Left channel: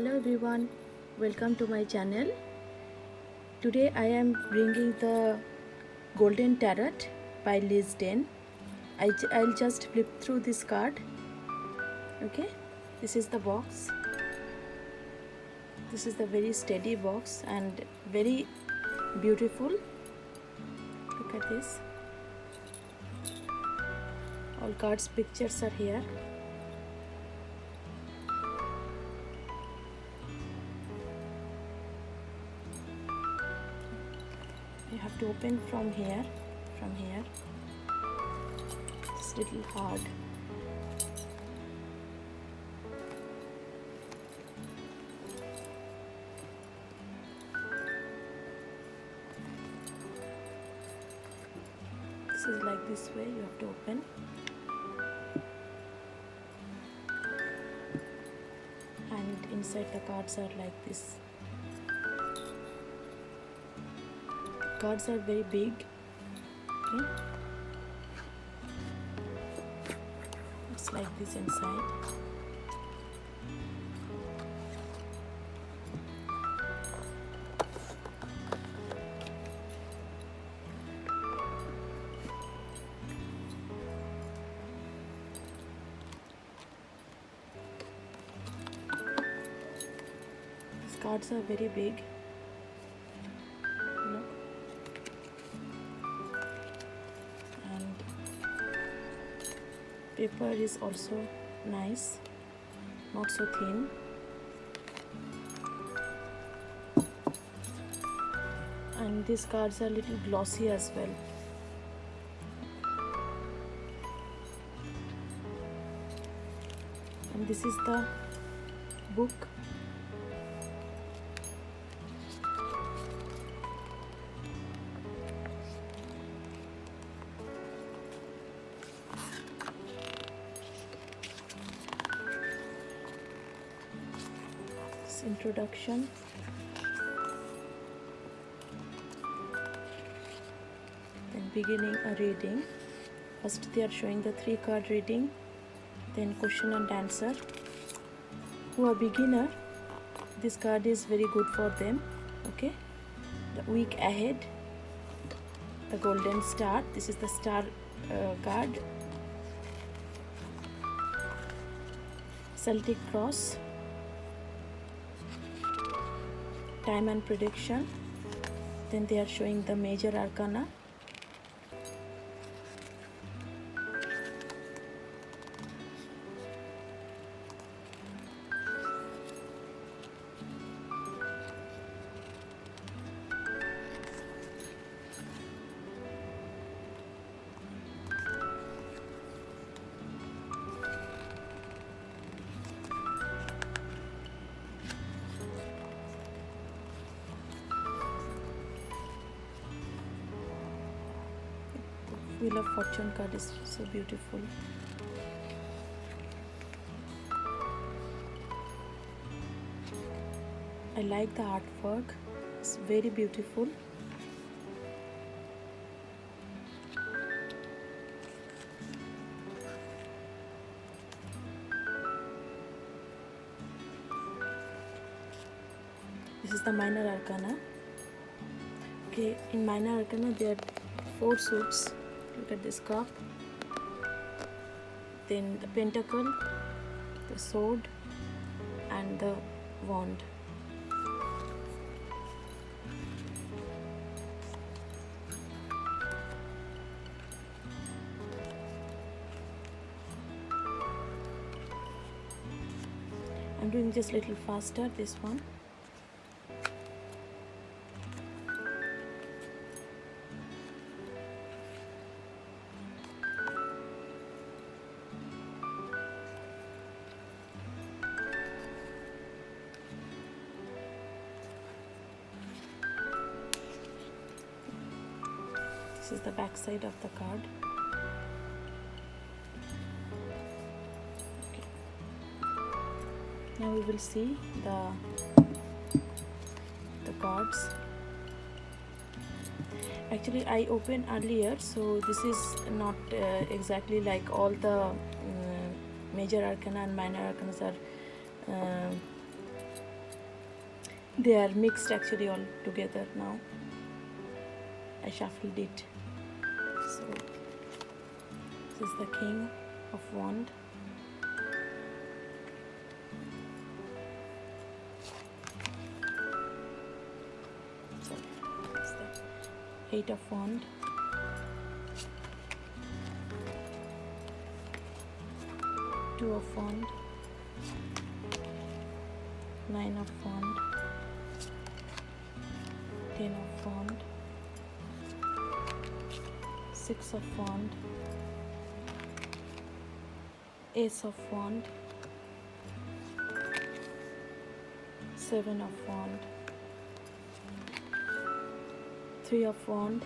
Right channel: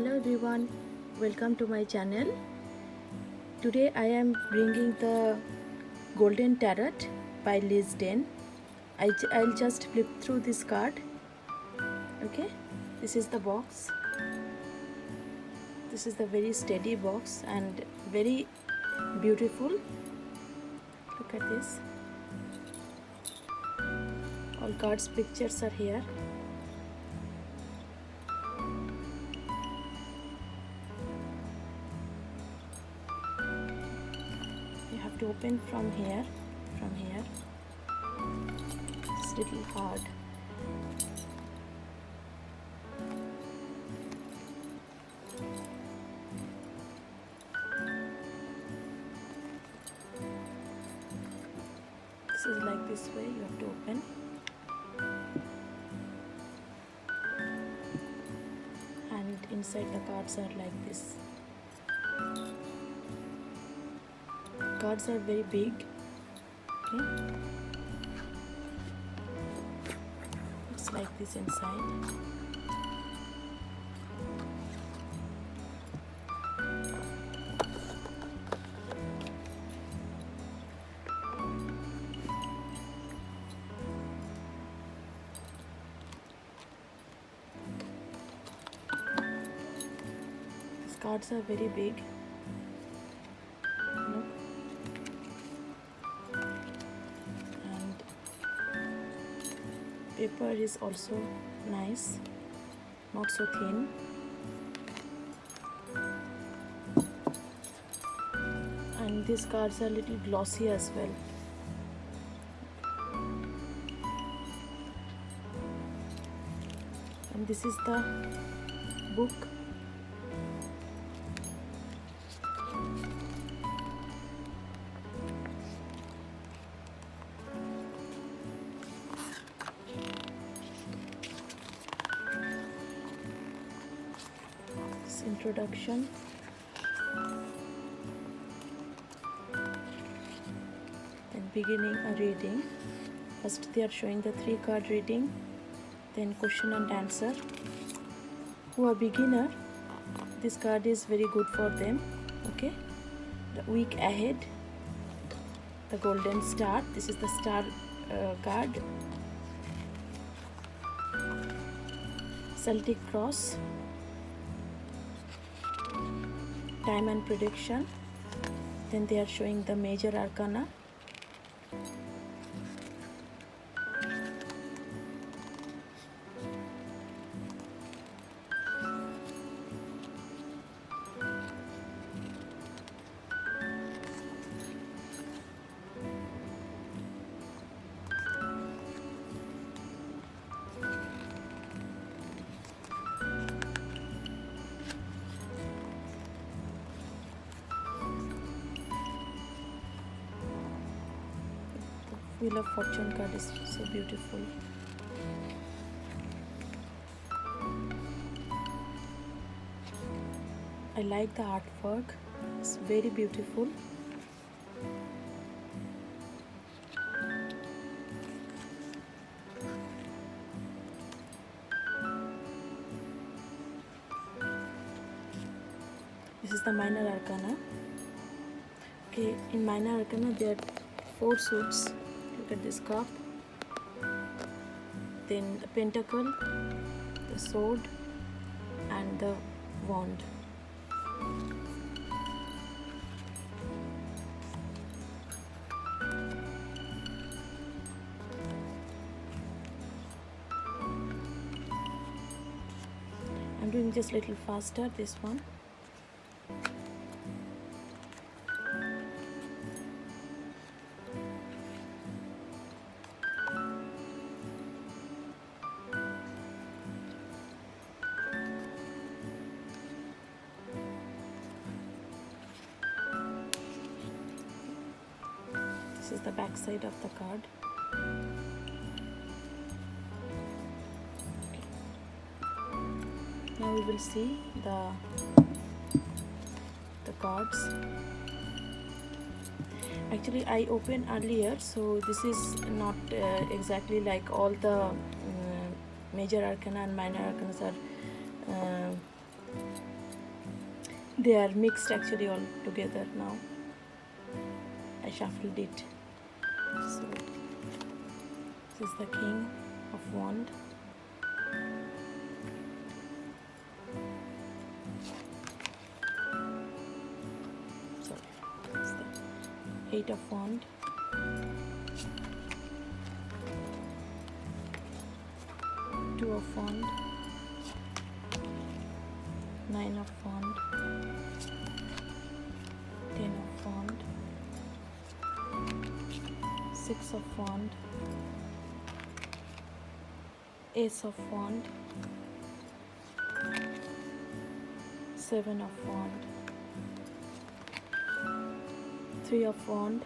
Hello everyone, welcome to my channel. Today I am bringing the Golden Tarot by Liz Den. I'll just flip through this card. Okay, this is the box. This is the very steady box and very beautiful. Look at this. All cards pictures are here. You have to open from here. It's a little hard. This is like this way, you have to open. And inside the cards are like this. Cards are very big. Okay, looks like this inside. These cards are very big. Look. Paper is also nice, not so thin. And these cards are a little glossy as well. And this is the book. Introduction, then beginning a reading. First they are showing the 3-card reading, then question and answer. Who are beginner, this card is very good for them. Okay, the week ahead, the golden star, this is the star card. Celtic cross, time and prediction. Then they are showing the major arcana. Wheel of Fortune card is so beautiful. I like the artwork, it's very beautiful. This is the minor arcana. Okay, in minor arcana there are 4 suits. Look at this cup, then the pentacle, the sword, and the wand. I'm doing just a little faster this one. This is the back side of the card. Okay. Now we will see the cards. Actually I opened earlier, so this is not exactly like all the major arcana and minor arcana are They are mixed actually all together now. I shuffled it. So this is the King of Wands. Sorry, this is the Eight of Wands. Two of Wands. Nine of Wands. Ten of Wands. Six of Wands. Ace of Wands. Seven of Wands. Three of Wands.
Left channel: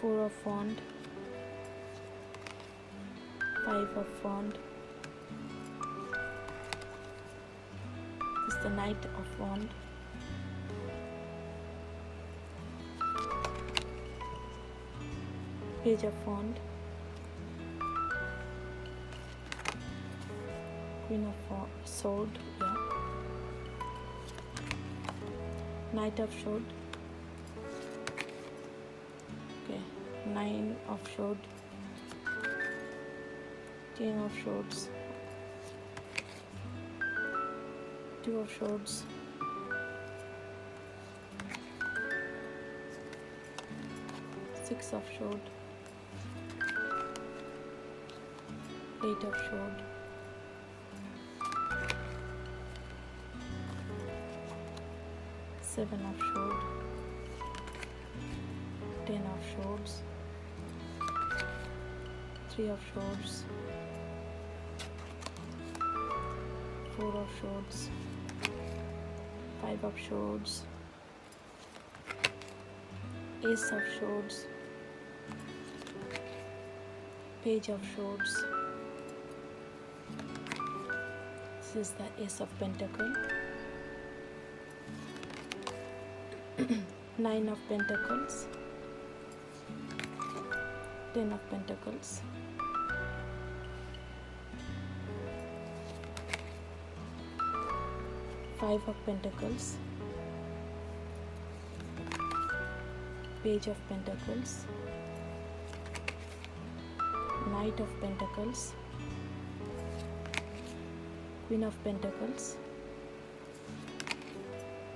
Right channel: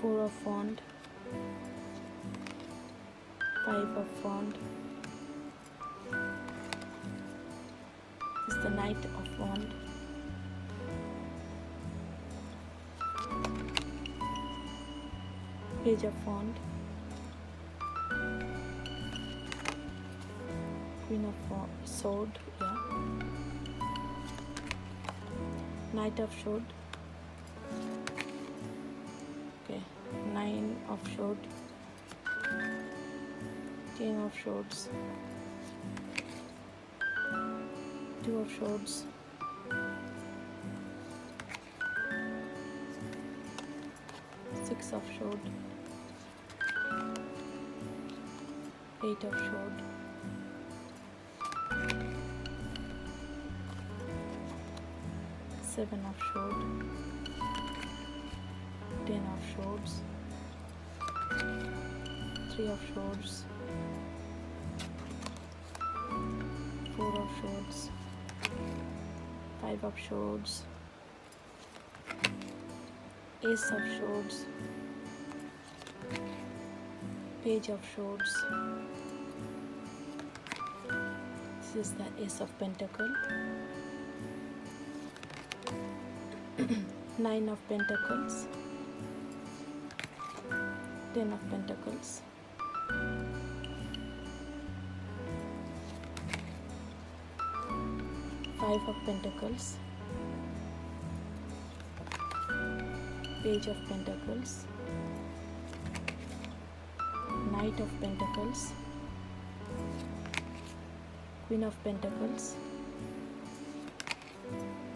Four of Wands. Five of Wands. This is the Knight of Wands. Page of Wands. Queen of Sword, yeah. Knight of Sword. Okay, Nine of Sword. King of Swords. Two of Swords. Six of Swords. Eight of Swords. Seven of Swords. Ten of Swords. Three of Swords. Four of Swords. Five of Swords. Ace of Swords. Page of Swords. This is the Ace of Pentacles. Nine of Pentacles. Ten of Pentacles. Five of Pentacles. Page of Pentacles. Knight of Pentacles. Queen of Pentacles.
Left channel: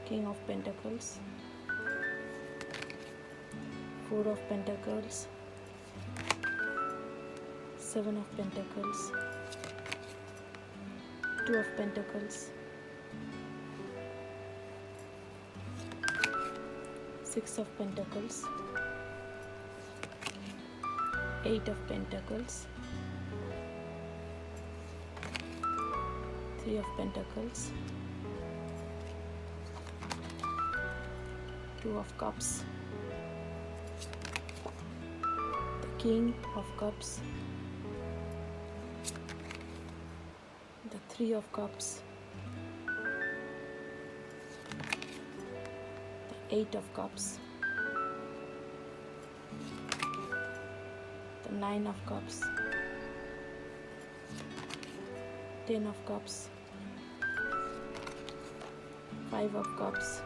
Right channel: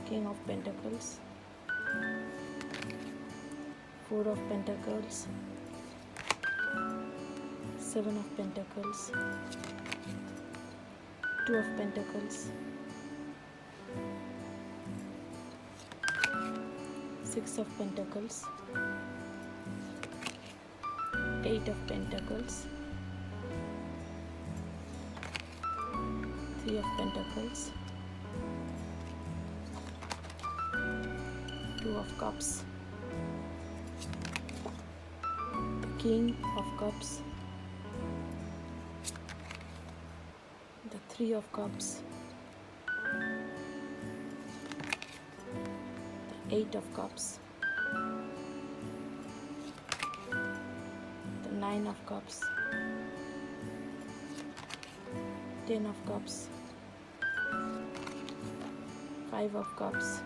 King of Pentacles. Four of Pentacles. Seven of Pentacles. Two of Pentacles. Six of Pentacles. Eight of Pentacles. Three of Pentacles. Two of Cups. The King of Cups. The Three of Cups. The Eight of Cups. The Nine of Cups. Ten of Cups. Five of Cups.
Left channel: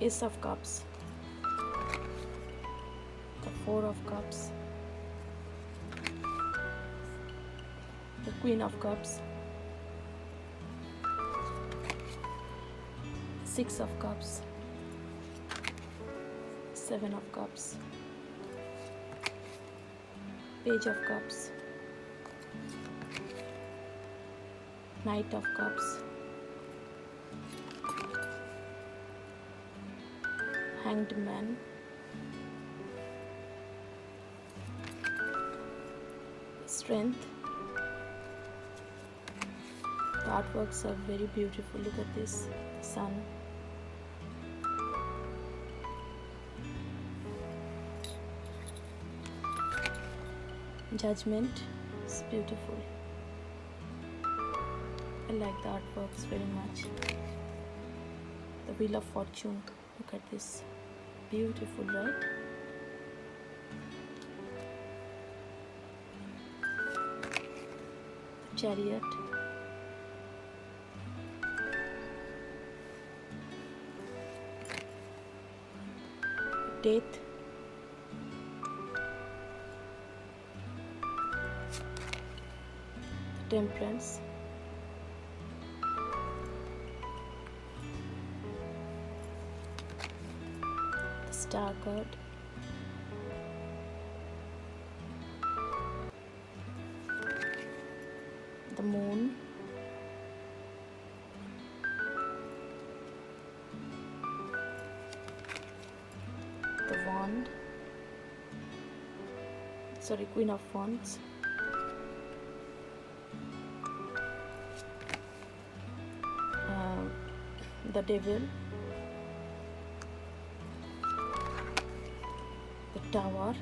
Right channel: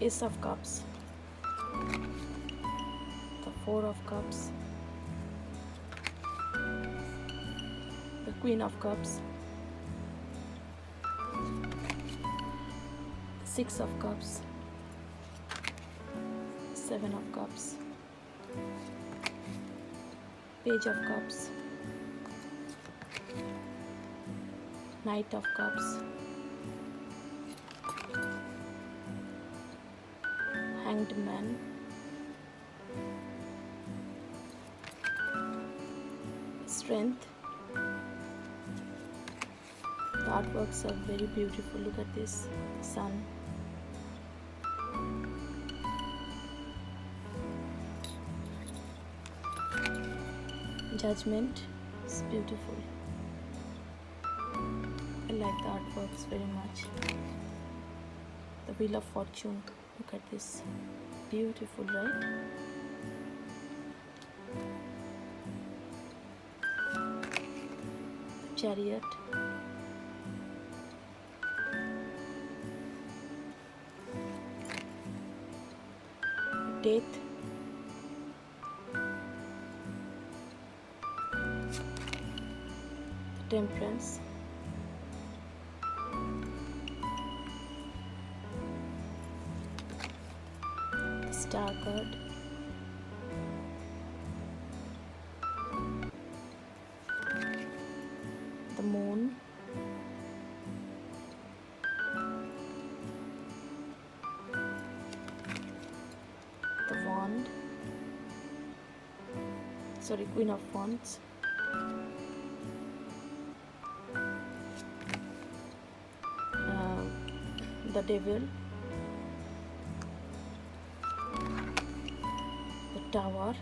Ace of Cups. The Four of Cups. The Queen of Cups. Six of Cups. Seven of Cups. Page of Cups. Knight of Cups. Hanged Man. Strength. The artworks are very beautiful. Look at this. Sun. Judgment. It's beautiful. I like the artworks very much. The Wheel of Fortune. Look at this. Beautiful, right? Chariot, Death, Temperance, the Star card, the Moon, the Wand, Queen of Wands, the Devil, the Tower,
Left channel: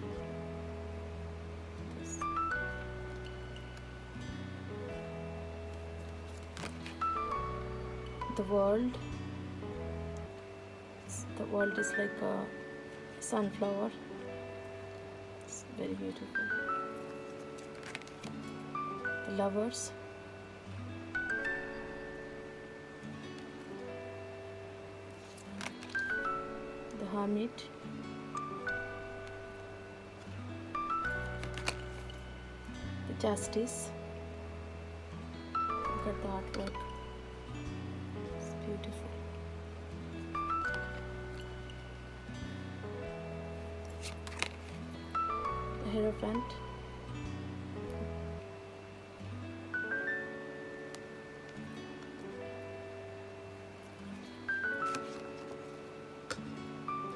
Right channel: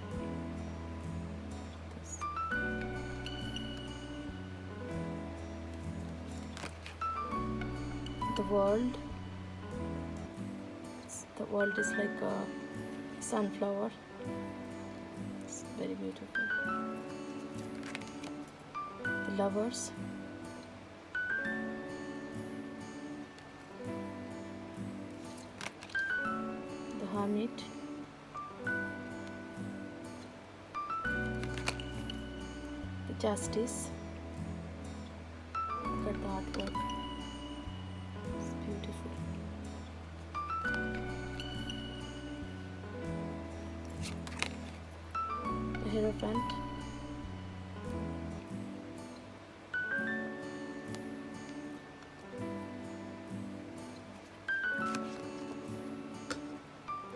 the World. The world is like a sunflower. It's very beautiful. The Lovers, the Hermit, the Justice. Look at the artwork. It's beautiful. The Hierophant,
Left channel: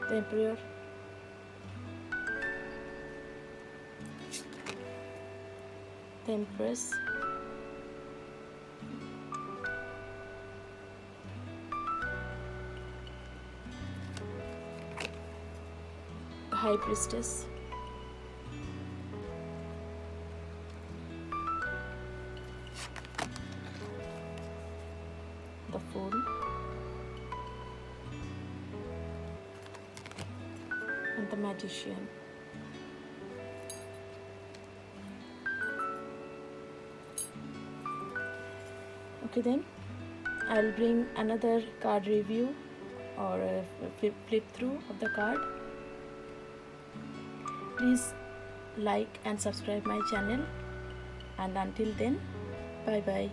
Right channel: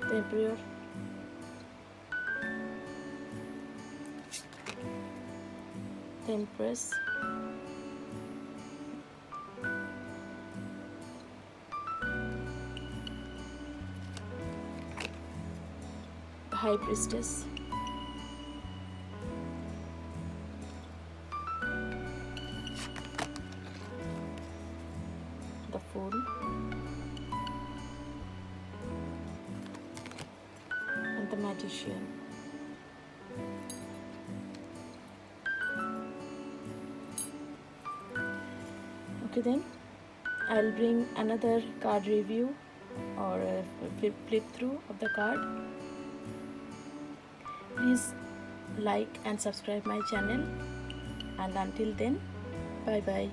the Emperor, the Empress, the High Priestess, the Fool, and the Magician. Okay, then I'll bring another card review or a flip through of the card. Please like and subscribe my channel, and until then, bye bye.